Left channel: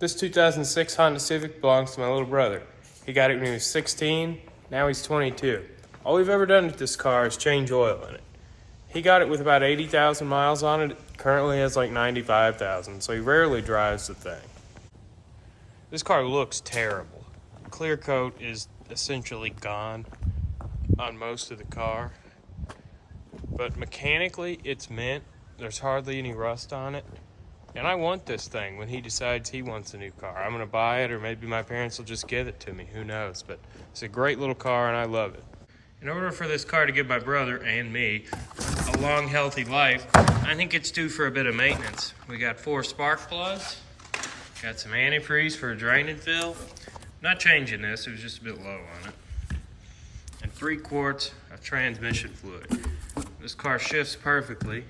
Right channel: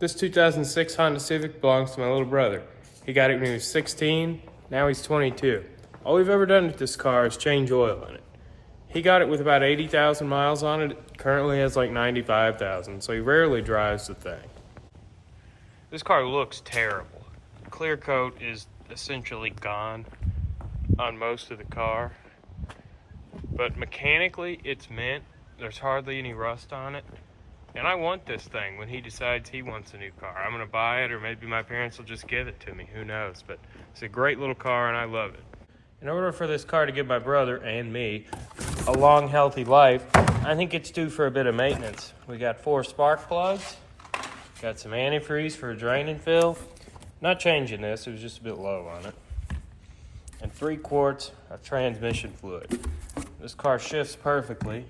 This 2006 Honda Civic belongs to my little brother. He got it when he was 16, now he's 22. All we've ever done with this car is change oil in it. He got it with about 80,000 miles on it. It currently has like 95,000, so he rarely drives the thing. This car looks terrible. Clear coat is essentially gone on most of the car, but mechanically it's mint. There's hardly any rust on it. And I want this thing when he decides he wants a new car. I'm gonna buy it, or maybe my parents will just give it to me, who knows. But it's a great little car and I love it. In order for this car to give my brother and me a long, healthy life, I think it's due for a bit of maintenance. We got 4 spark plugs, got some antifreeze for a drain and fill. Not changing this, it was just a bit low on it. And 3 quarts of transmission fluid. This car shifts perfectly.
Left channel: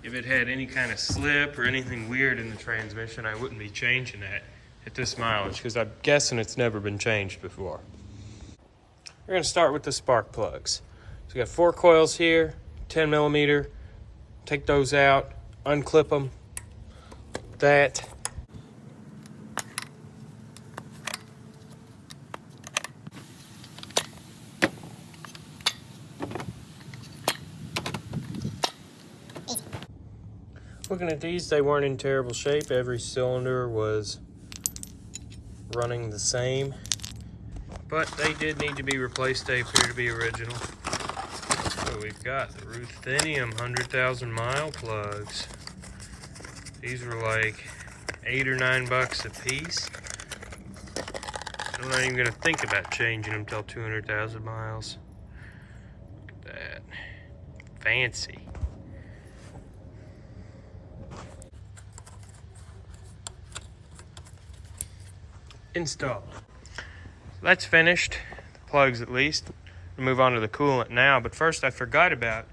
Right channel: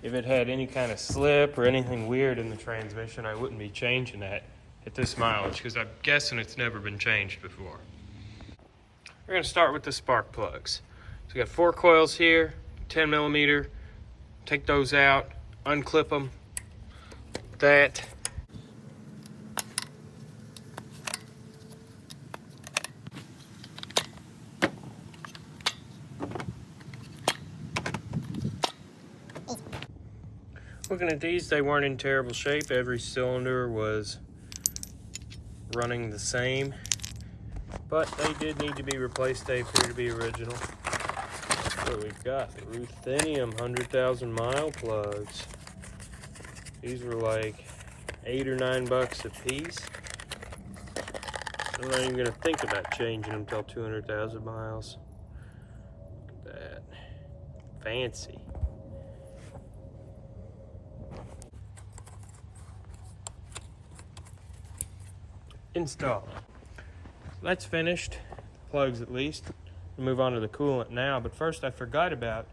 If it had any kind of slip or anything weird in the transmission, I wouldn't be changing that at this mileage, because I'm guessing it's never been changed before. We're gonna start with the spark plugs. So we got 4 coils here, 10 millimeter. Take those out, unclip them. That. Looking at these, they weren't in terrible shape. Every cylinder was running the same, but they did need to be replaced. They appear to be original. So we've got the ruthenium 100,000 mile plugs. These were like $8 or $9 a piece. I'm not even gonna think about changing them till 200,000 miles. Look at that, fancy. Installed. That's finished, the plugs at least. We'll move on to the coolant now, but first I forgot about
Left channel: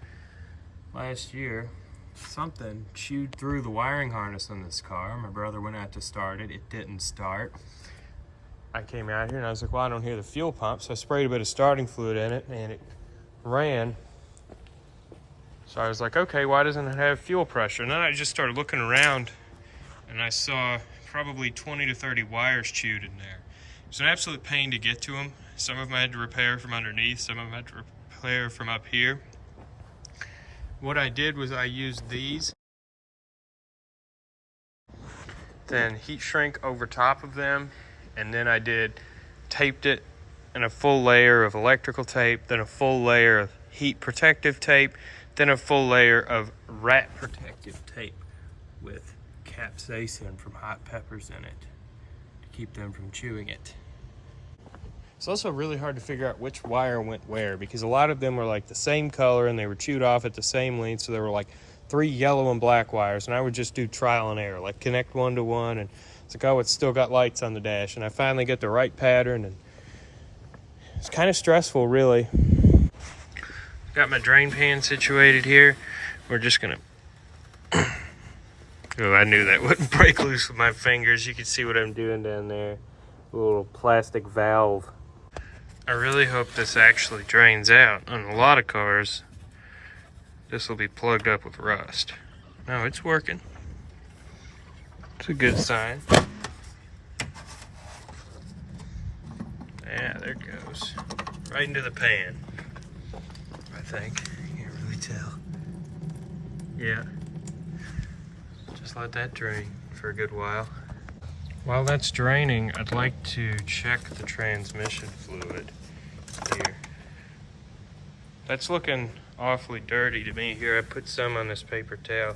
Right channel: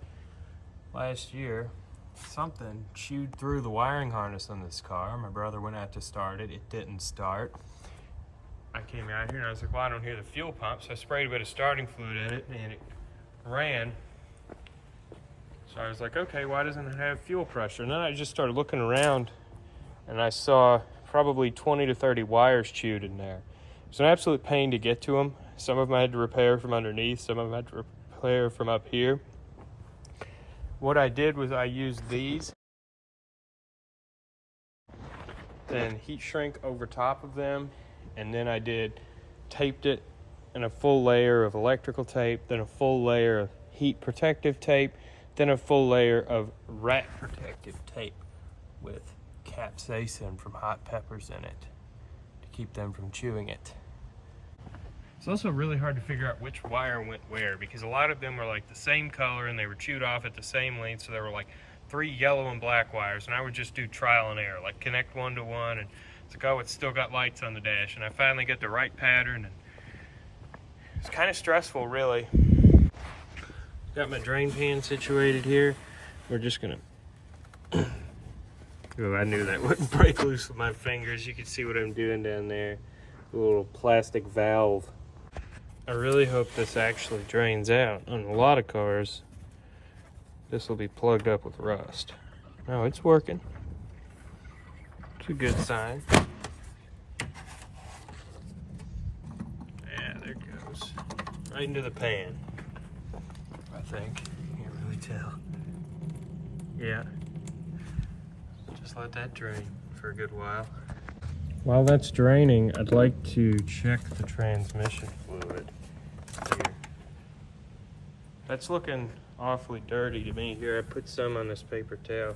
last year. Something chewed through the wiring harness on this car. My brother went out to start it, it didn't start. I came out here and I was like, well, I don't hear the fuel pump, so I sprayed a bit of starting fluid in it and it ran. So I was like, okay, why doesn't it have fuel pressure? And then I just started looking around and I saw probably 20 to 30 wires chewed in there. It's an absolute pain to get to them. Some of them I had to repair from underneath, some of them I had to repair from up here. What I did was I used these, then heat shrink over top of them, and then I taped it in a full layer of electrical tape, then a full layer of heat protective tape, then a full layer of rat protective tape with capsaicin from hot peppers in it to keep them from chewing it. It's also really hard to figure out which wire went where, because a lot of them were like the same color and they were chewed off at the same length, so there were like 3 yellow and black wires, and I would just do trial and error, like connect one to one, and it's like, oh, it's still got lights on the dash, and I finally get the right pattern, and it's kind of stressful, really. Got my drain pan situated here. We're just gonna oh, I knew that wouldn't break loose with my fingers. You can see what I'm doing down there. A little plastic valve. I really hope this actually drains out. On a lot of cars, this will be plugged up with rust. No, it's working. It's a good sign. Yeah, there it goes. Right into the pan, I think. You can't really tell. Yeah. Just let that drain for a good while. While that's draining, I'd like to check the transmission fluid here. That's looking awfully dirty to me here. I put some on this paper towel.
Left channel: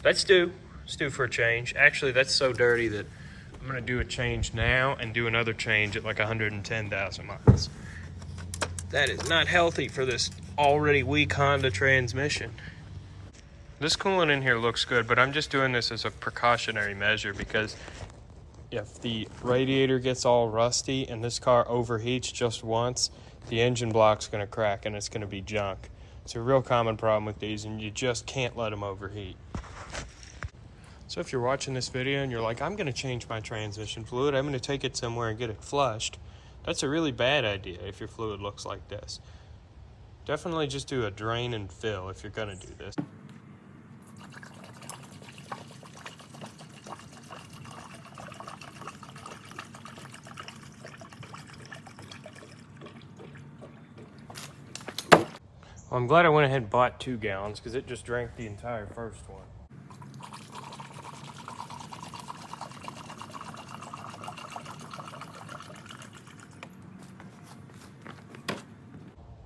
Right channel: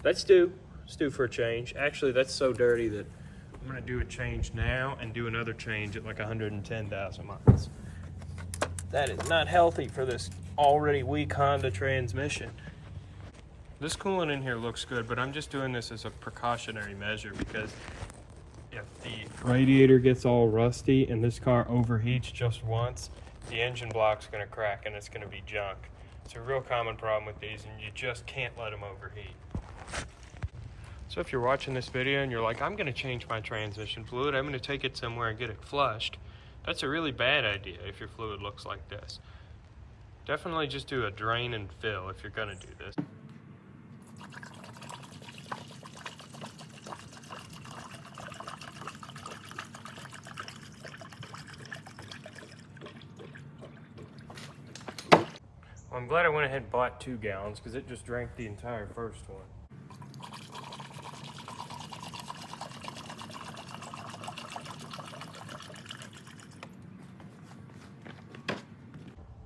That's due. It's due for a change. Actually, that's so dirty that I'm gonna do a change now and do another change at like 110,000 miles. That is not healthy for this already weak Honda transmission. This coolant in here looks good, but I'm just doing this as a precautionary measure, because if the radiator gets all rusty and this car overheats just once, the engine block's gonna crack and it's gonna be junk. It's a real common problem with these, and you just can't let them overheat. So if you're watching this video and you're like, I'm gonna change my transmission fluid, I'm gonna take it somewhere and get it flushed, that's a really bad idea if your fluid looks like this. Definitely just do a drain and fill if you're gonna do this. Well, I'm glad I went ahead and bought 2 gallons because it just drank the entire first one.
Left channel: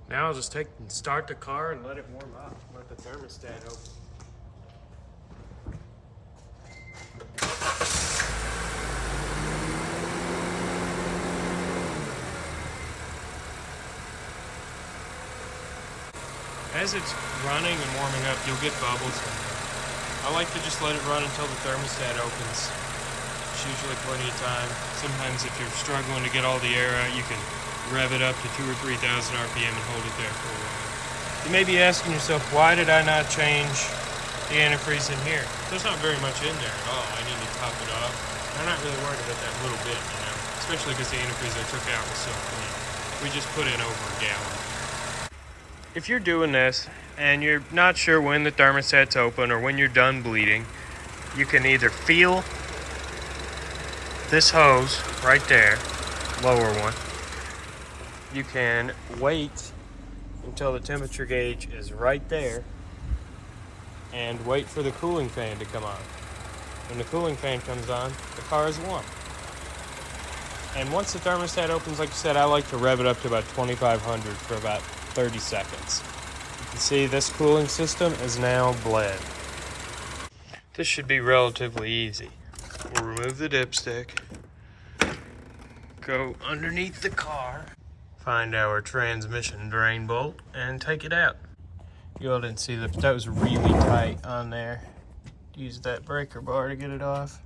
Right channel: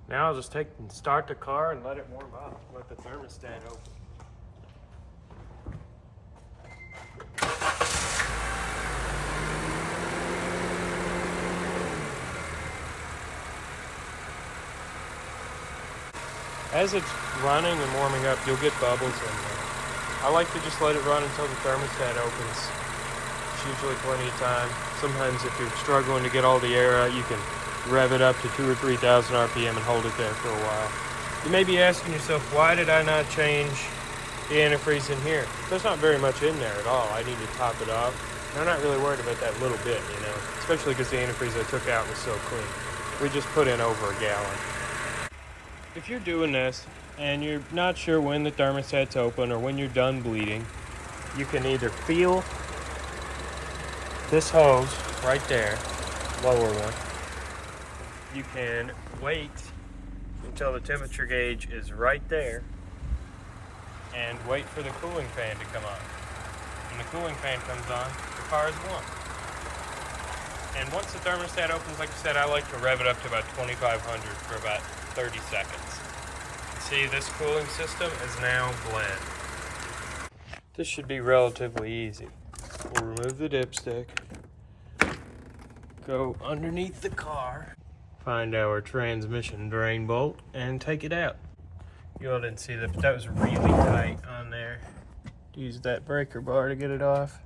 Now I'll just start the car and let it warm up. Let the thermostat open. As it's running and warming up, you'll get bubbles in there. I like to just let it run until the thermostat opens. It's usually plenty of time. Sometimes if you're struggling to get all the air out, you can rev it up to 2,000 or 3,000 RPM and hold it there for a while. You may be asking yourself, why did I not change the antifreeze in here? There's not very much in there at all. I need to top it off. I'm not really worried about that little bit, especially because the antifreeze I took out was so clean. We just put in over a gallon. If you're doing this and you're not sure when the thermostat's open or when you're done bleeding, you can either feel this hose right there, lower one. You can wait until the temperature gauge is right there and wait for the cooling fan to come on. When the cooling fan comes on, the car is warm. And once the thermostat opens, like I said, I like to rev it up to about 2,500 for about 30 seconds. You see, this cooling system is now bled. This should be relatively easy. We'll remove the dipstick, go underneath the car, find our transmission drain bolt, and take it out. You all didn't see that, but that was really tight on there. Use that breaker bar to get it off.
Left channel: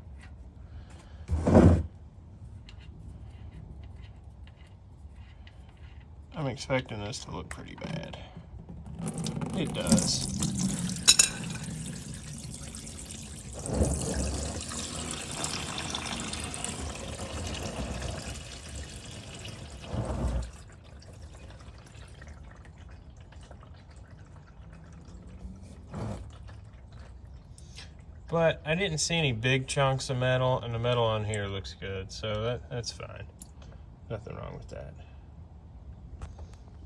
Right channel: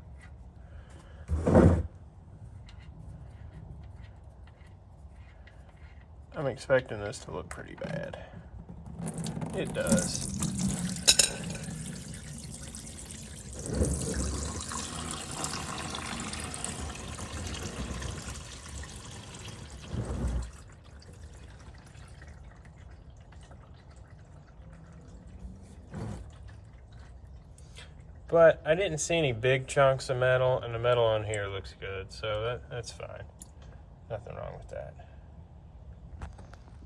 I'm expecting this to look pretty bad. It does. But I didn't see any big chunks of metal, and the metal on here looks good, so that's fine. Nothing wrong with that.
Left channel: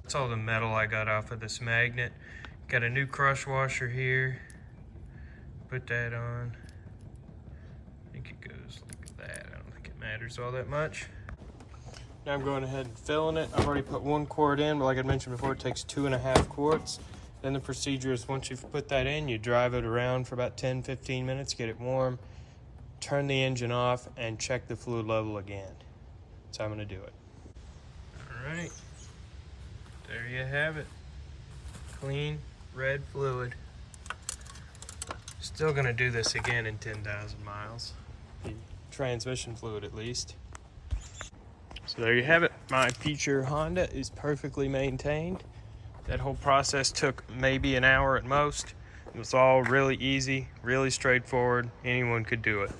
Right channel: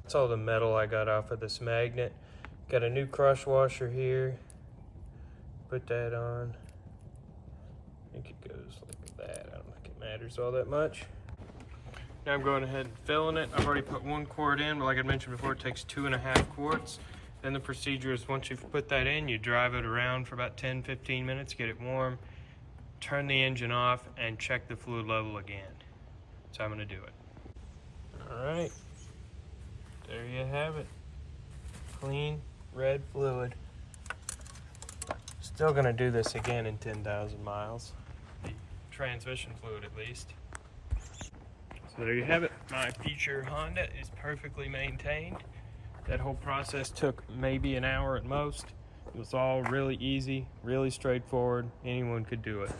That's all the metal I got off of this magnet. Got a new crush washer here. Put that on. I think it goes like that. I don't think it matters all that much. Now I'm going ahead and filling it. I've already put 1 quart in, but like I mentioned before, it takes 2.5 quarts. Then the procedure is once you've put that in, you drive it around for about 10-15 minutes, get it warm, turn the engine off, and check the fluid level again. So I'm gonna do it. All right, there you have it. Clean, red fluid. Still gonna do this again in 10,000 miles. The transmission fluid at least. So there you have it. My future Honda is perfectly maintained. That whole process took maybe an hour at most. It was all really easy, really straightforward. Anyone could do it.